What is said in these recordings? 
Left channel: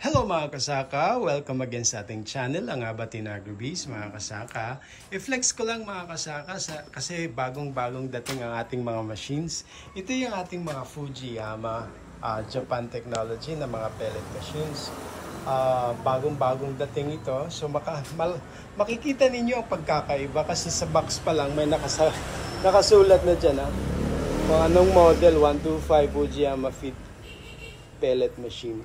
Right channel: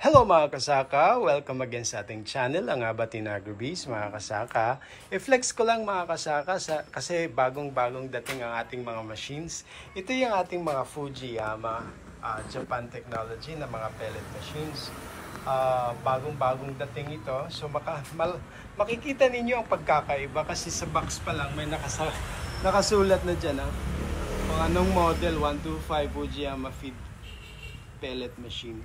Hello mga kasaka! Welcome again sa ating channel, ang Abatin Agribiz mga kasaka. I-flex ko lang mga kasaka kasi bagong-bagong dating ang ating mga machines. Ito yung ating mga Fujiyama Japan technology na mga pellet machines. Bagong-bagong dating ito. So makikita ninyo ang pagkakaiba kasi sa box pa lang may nakasulat na dyan. Kung anong model, 125 Fujiyama feed pellet machine.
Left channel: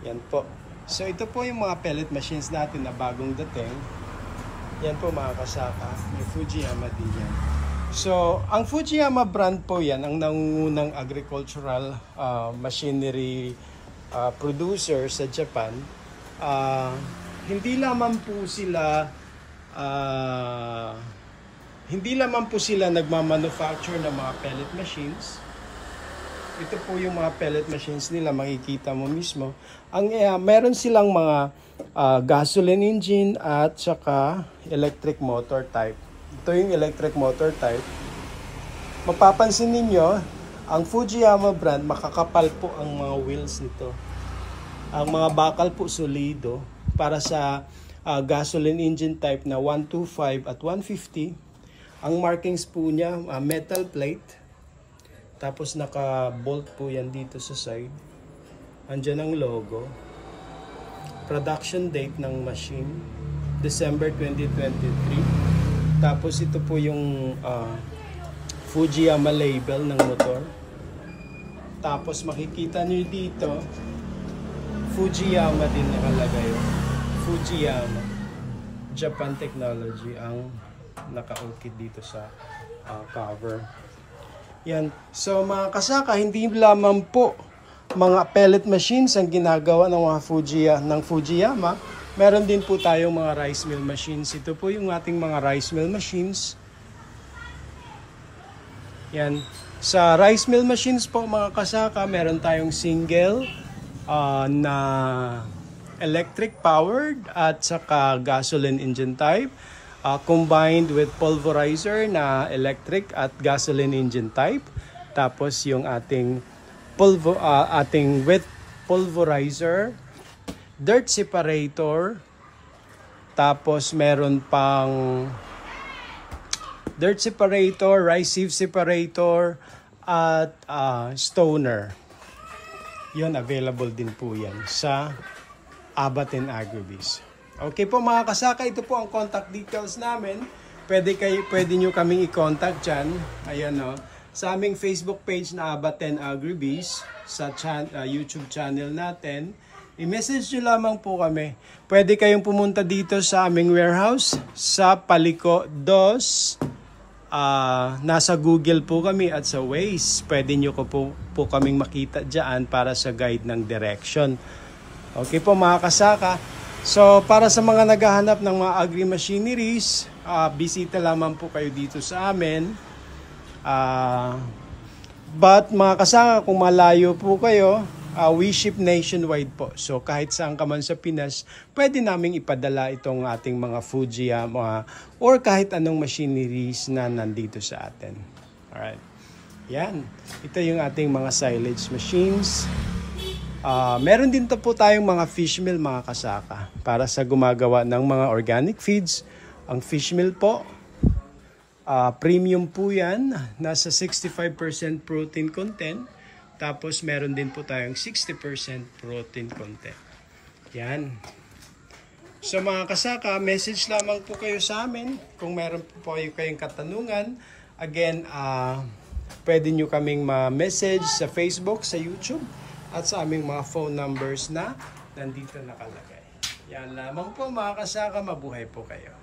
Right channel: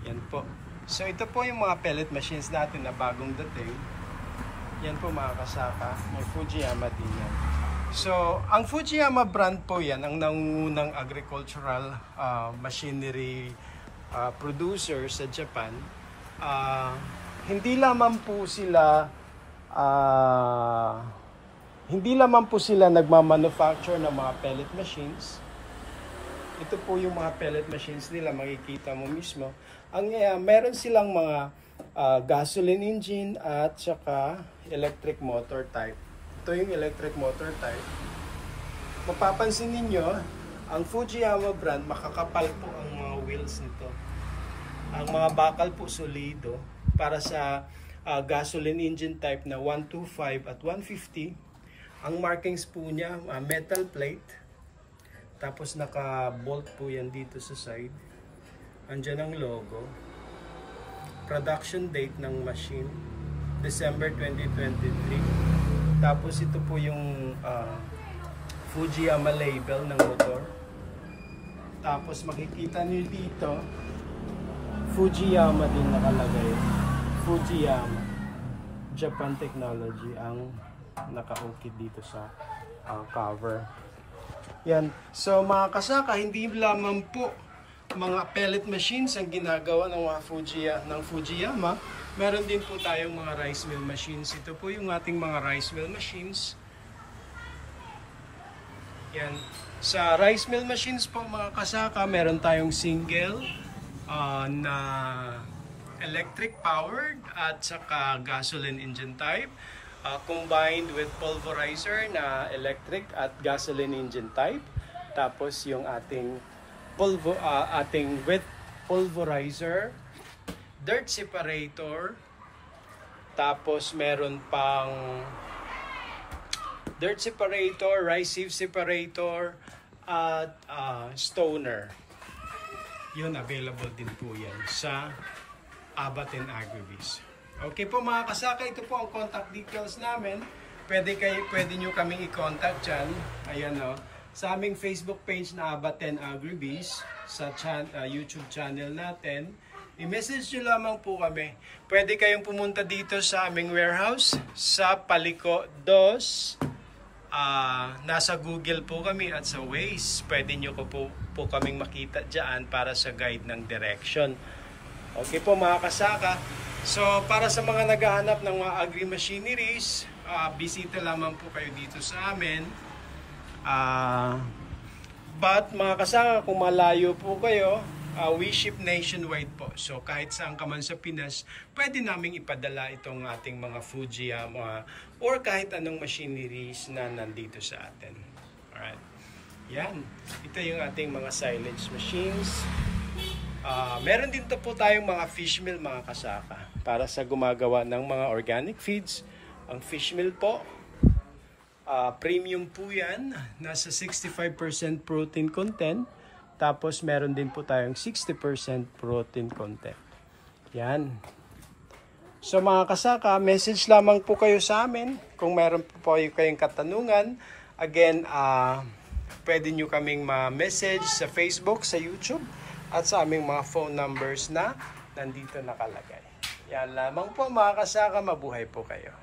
Yan po. So ito po yung mga pellet machines natin na bagong dating. Yan po mga kasaka. May Fujiyama din yan. So ang Fujiyama brand po yan, ang nangungunang agricultural machinery producer sa Japan. Hindi lamang po sila nagmamanufacture ng mga pellet machines. Ito po yung mga pellet machines nila, makikita mo mismo. Meron silang mga gasoline engine at saka electric motor type. Ito yung electric motor type. Mapapansin ninyo, ang Fujiyama brand, makakapal po ang mga wheels nito. Ang mga bakal po solido para sa gasoline engine type na 125 at 150. Ang markings po niya, metal plate. Tapos naka-bolt po yan dito sa side. Andyan ang logo. Production date ng machine, December 2023. Tapos ito po yung Fujiyama label ng motor. Tapos makikita nyo dito, Fujiyama din nakalagay. Fujiyama Japan technology ang naka-ukit dito sa cover. Yan. So mga kasaka, hindi lamang po mga pellet machines ang ginagawa ng mga Fujiyama. Meron din po tayong mga rice mill machines. Ito po yung ating mga rice mill machines. Yan. Sa rice mill machines po mga kasaka, meron tayong single na electric powered at saka gasoline engine type. Combined with pulverizer na electric at gasoline engine type. Tapos yung ating wet pulverizer, dirt separator. Tapos meron pang dirt separator, rice sieve separator at stoner. Yun, available din po yan sa Abatin Agribiz. Okay po mga kasaka, ito po ang contact details namin. Pwede nyo kaming i-contact dyan. Ayan o. Sa aming Facebook page na Abatin Agribiz, sa YouTube channel natin, i-message nyo lamang po kami. Pwede kayong pumunta dito sa aming warehouse sa Paliko 2. Nasa Google po kami at sa Waze. Pwede nyo po kaming makita dyan para sa guide ng direction. Okay po mga kasaka. So, para sa mga naghahanap ng mga agri-machineries, bisita lamang po kayo dito sa amin. But mga kasaka, kung malayo po kayo, we ship nationwide po. So, kahit saan ka man sa Pinas, pwede naming ipadala itong ating mga Fujiyama or kahit anong machineries na nandito sa atin. Alright. Yan. Ito yung ating mga silage machines. Meron din po tayong mga fish meal mga kasaka para sa gumagawa ng mga organic feeds. Ang fish meal po, premium po yan, nasa 65% protein content. Tapos meron din po tayong 60% protein content. Yan. So mga kasaka, message lamang po kayo sa amin kung meron po kayong katanungan. Again, pwede nyo kaming ma-message sa Facebook, sa YouTube, at sa aming mga phone numbers na nandito nakalagay. Yan lamang po mga kasaka, mabuhay po kayo.